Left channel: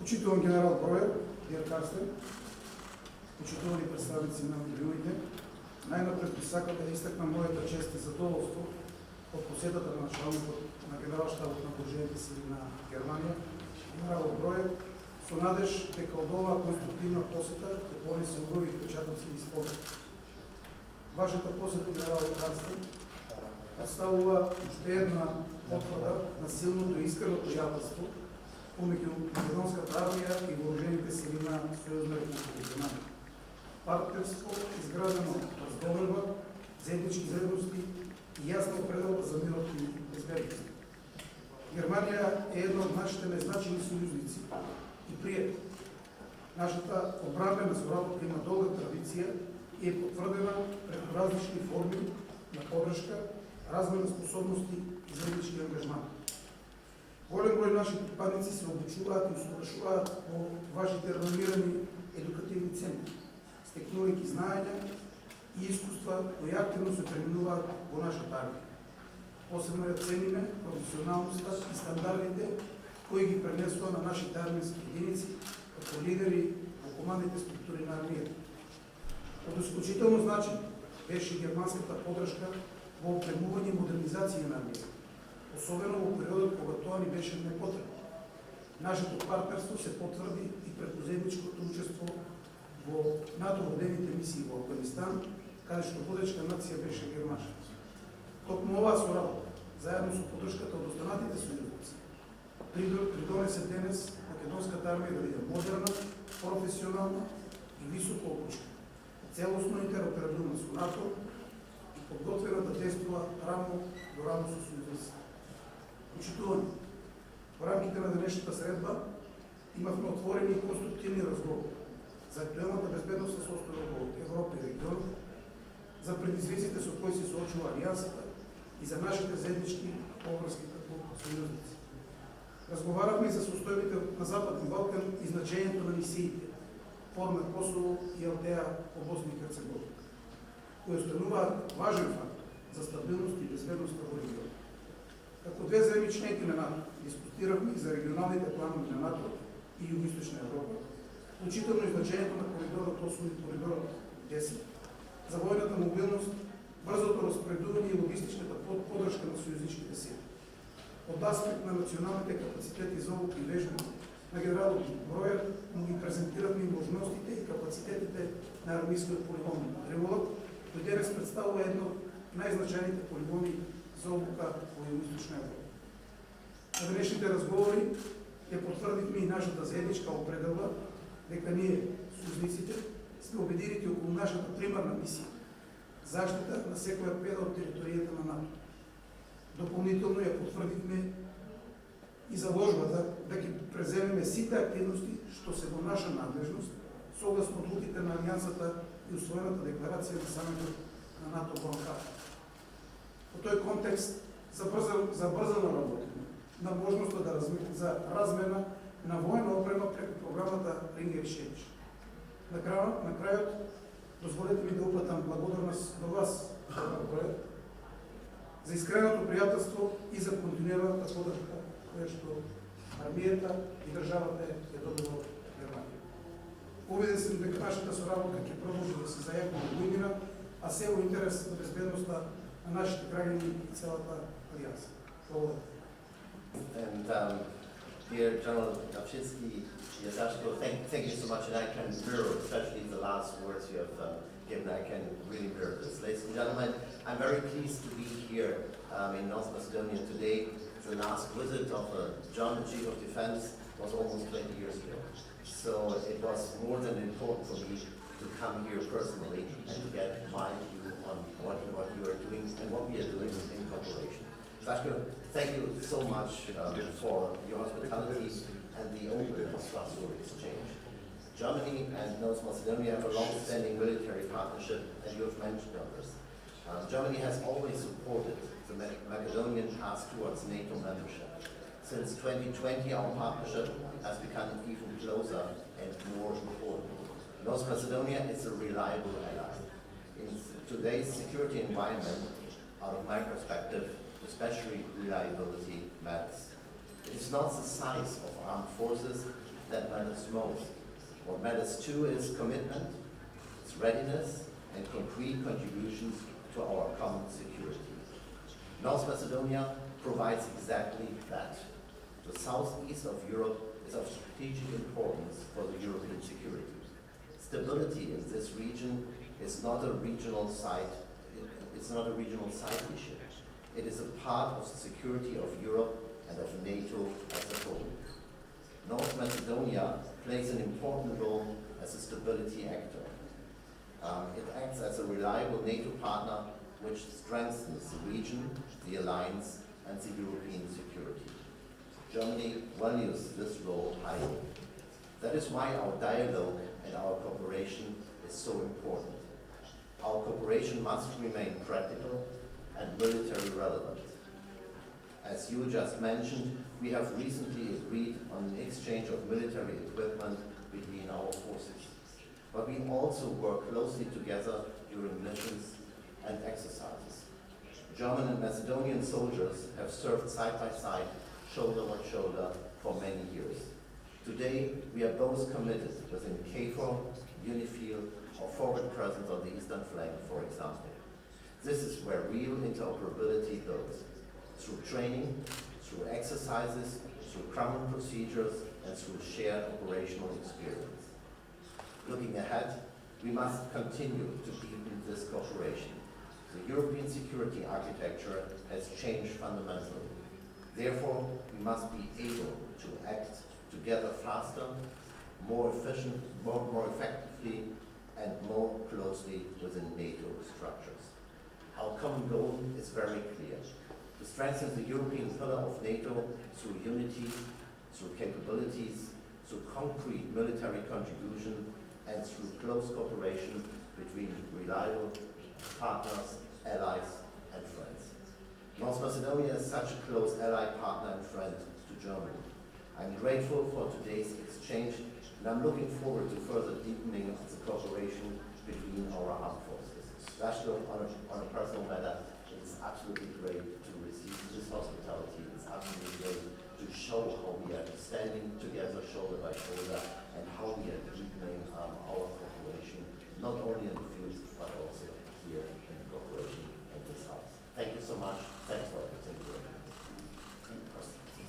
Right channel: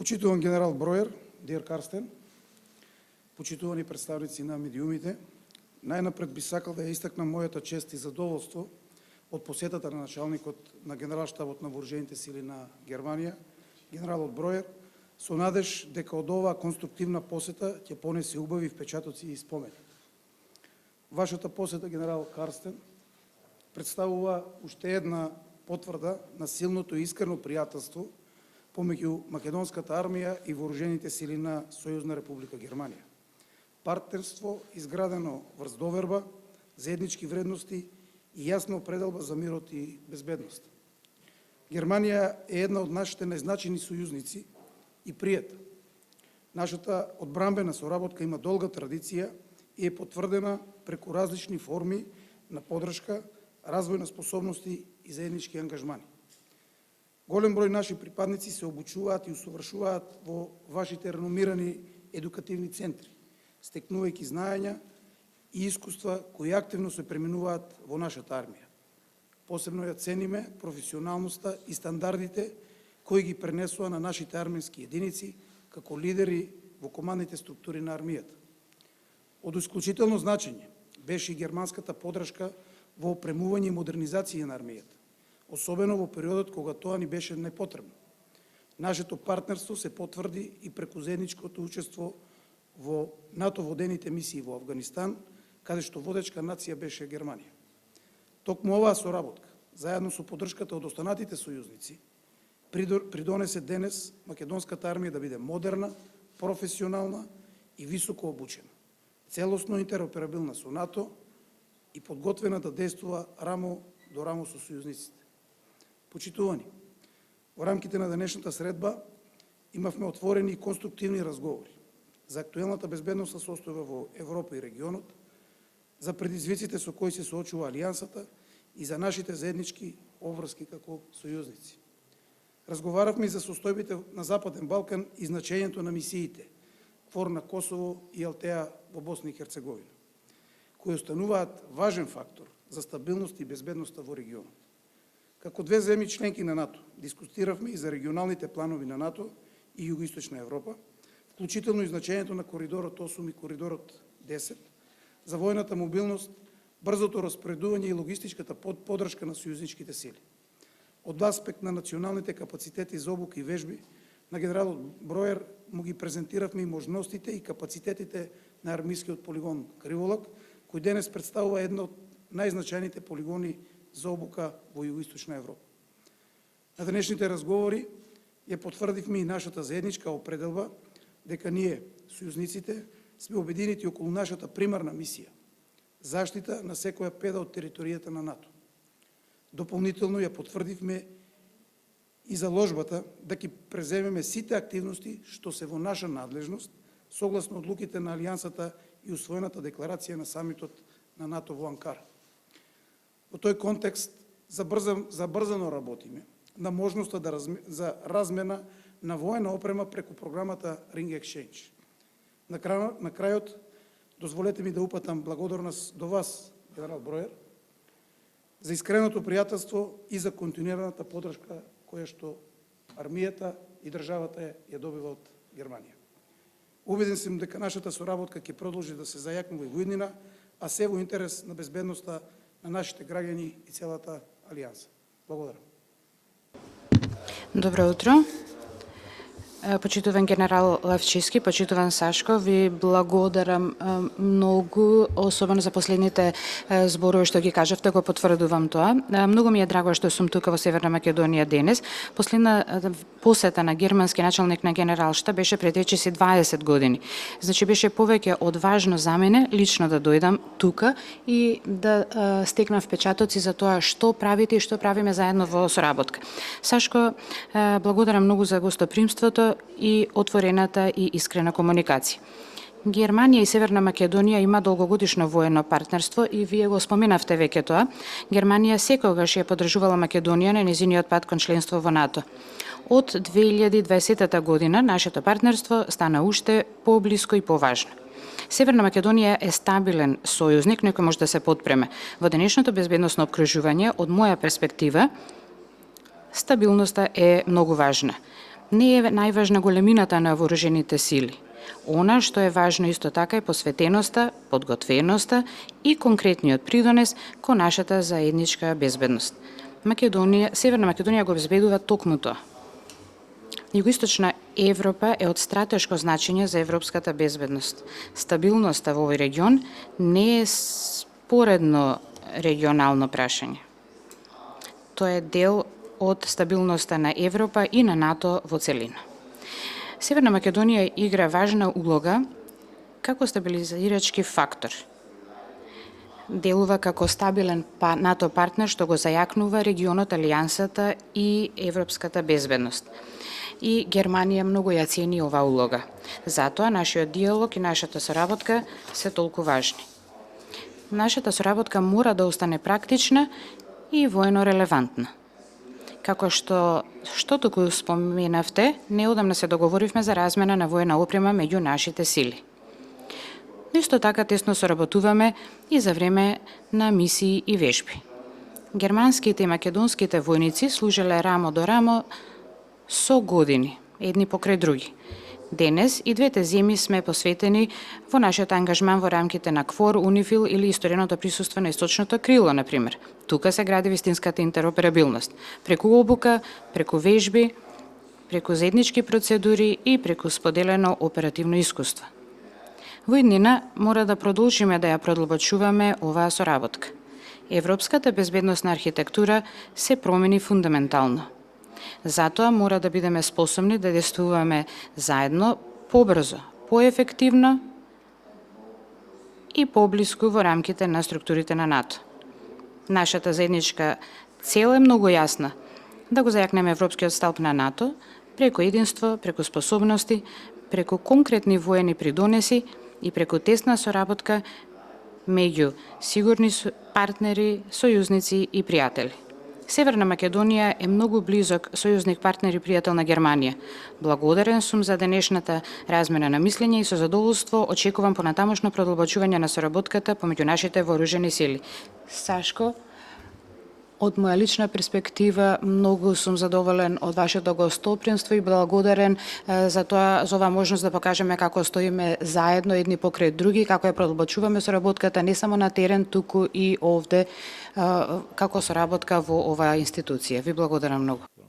Почитуван генерал Броер, Дир Карстен, почитувани представници на медиумите, најнапред би сакал да ја истакнам мојата чест и задоволство од посетата на началникот на Генерал-штабот на вооружените сили на Германија, генералот Броер, со надеж дека од оваа конструктивна посета ќе понесе убави впечатоци и спомени. Вашата посета, генерал Карстен, представува уште една потврда на силното и искрено пријателство помеѓу македонската армија и вооружените сили на Сојузна република Германија. Партнерство изградено врз доверба, заеднички вредности и јасна определба за мирот и безбедност. Германија е една од нашите најзначени сојузници и пријатели. Нашата одбранбена соработка има долга традиција и е потврдена преку различни форми на подршка, развој на способности и заеднички ангажман. Голем број наши припадници се обучуваат и усовршуваат во вашите реномирани едукативни центри, стекнувајќи знаења и искуства кои активно се преминуваат во нашата армија. Посебно ја цениме професионалноста и стандардите кои ги пренесува на нашите армијски единици како лидери во командните структури на армијата. Од исклучително значење беше и германската подршка во опремување и модернизација на армијата, особено во периодот кога тоа ни беше непотребно. Нашето партнерство се потврди и преку заедничкото учество во НАТО водените мисии во Афганистан, каде што водечка нација беше Германија. Токму оваа соработка, заедно со поддршката од останатите сојузници, придонесе денес македонската армија да биде модерна, професионална и високо обучена, целосно интероперабилна со НАТО и подготвена да действува рамо до рамо со сојузниците. Почитувани, во рамките на денешната средба имавме отворени и конструктивни разговори за актуелната безбедносна состојба во Европа и регионот, за предизвиците со кои се соочува Алијансата и за нашите заеднички обврски како сојузници. Разговаравме и за состојбите на Западен Балкан и значењето на мисиите ФОР на Косово и ЛТА во Босна и Херцеговина, кои остануваат важен фактор за стабилност и безбедноста во регионот. Како две земји членки на НАТО, дискутиравме и за регионалните планови на НАТО и Југоисточна Европа, вклучително и значењето на коридорот 8 и коридорот 10, за војната мобилност, брзото распоредување и логистичката поддршка на сојузничките сили. Од аспект на националните капацитети за обука и вежби, на генералот Броер му ги презентиравме и можностите и капацитетите на армијскиот полигон Криволак, кој денес представува едно од најзначајните полигони за обука во Југоисточна Европа. На денешните разговори ја потврдивме и нашата заедничка определба дека ние, сојузниците, сме обединети околу нашата примарна мисија – заштита на секоја педа од територијата на НАТО. Дополнително ја потврдивме и заложбата да ќе преземеме сите активности што се во наша надлежност, согласно одлуките на Алијансата и усвоената декларација на самитот на НАТО во Анкара. Во тој контекст забрзано работиме на можноста за размена на војна опрема преку програмата Ring Exchange. На крајот, дозволете ми да упатам благодарност до вас, генерал Броер, за искреното пријателство и за континуираната поддршка која што армијата и државата ја добила од Германија. Убеден сум дека нашата соработка ќе продолжи да се зајакне во буднина, а се во интерес на безбедноста на нашите граѓани и целата Алијанса. Благодарам. Добро утро. Почитуван генерал Левчиски, почитуван Сашко, ви благодарам многу, особено за последните зборови што ги кажавте, го потврдувам тоа. Многу ми е драго што сум тука во Северна Македонија денес. Последна посета на германски началник на Генералштаб беше пред речиси 20 години. Значи беше повеќе од важно за мене лично да дојдам тука и да стекнам впечатоци за тоа што правите и што правиме заедно во соработка. Сашко, благодарам многу за гостопримството и отворената и искрена комуникација. Германија и Северна Македонија има долгогодишно воено партнерство и вие го споменавте веќе тоа. Германија секогаш ја поддржувала Македонија на нејзиниот пат кон членство во НАТО. Од 2020 година нашето партнерство стана уште поблиско и поважно. Северна Македонија е стабилен сојузник, некој може да се подпреме. Во денешното безбедносно обкружување, од моја перспектива, стабилноста е многу важна. Не е најважна големината на вооружените сили. Она што е важно исто така е посветеноста, подготвеноста и конкретниот придонес кон нашата заедничка безбедност. Северна Македонија го обезбедува токму тоа. Југоисточна Европа е од стратешко значење за европската безбедност. Стабилноста во овој регион не е споредно регионално прашање. Тоа е дел од стабилноста на Европа и на НАТО во целина. Северна Македонија игра важна улога како стабилизирачки фактор. Делува како стабилен НАТО партнер што го зајакнува регионот, алијансата и европската безбедност. И Германија многу ја цени оваа улога. Затоа нашиот диалог и нашата соработка се толку важни. Нашата соработка мора да остане практична и воено релевантна. Како што току споменавте, неодамна се договоривме за размена на воена опрема меѓу нашите сили. Исто така тесно соработуваме и за време на мисии и вежби. Германските и македонските војници служеле рамо до рамо со години, едни покрај други. Денес и двете земји сме посветени во нашиот ангажман во рамките на КФОР, УНИФИЛ или истореното присуство на источното крило, например. Тука се гради вистинската интероперабилност. Преку обука, преку вежби, преку заеднички процедури и преку споделено оперативно искуство. Во иднина мора да продолжиме да ја продлабочуваме оваа соработка. Европската безбедносна архитектура се промени фундаментално. Затоа мора да бидеме способни да действуваме заедно побрзо, поефективно и поблиску во рамките на структурите на НАТО. Нашата заедничка цел е многу јасна – да го зајакнеме европскиот сталп на НАТО преку единство, преку способности, преку конкретни воени придонеси и преку тесна соработка меѓу сигурни партнери, сојузници и пријатели. Северна Македонија е многу близок сојузник, партнер и пријател на Германија. Благодарен сум за денешната размена на мислење и со задоволство очекувам понатамошно продлабочување на соработката помеѓу нашите вооружени сили. Сашко, од моја лична перспектива, многу сум задоволен од вашето гостопримство и благодарен за оваа можност да покажеме како стоиме заедно едни покрај други, како ја продлабочуваме соработката не само на терен, туку и овде како соработка во оваа институција. Ви благодарам многу.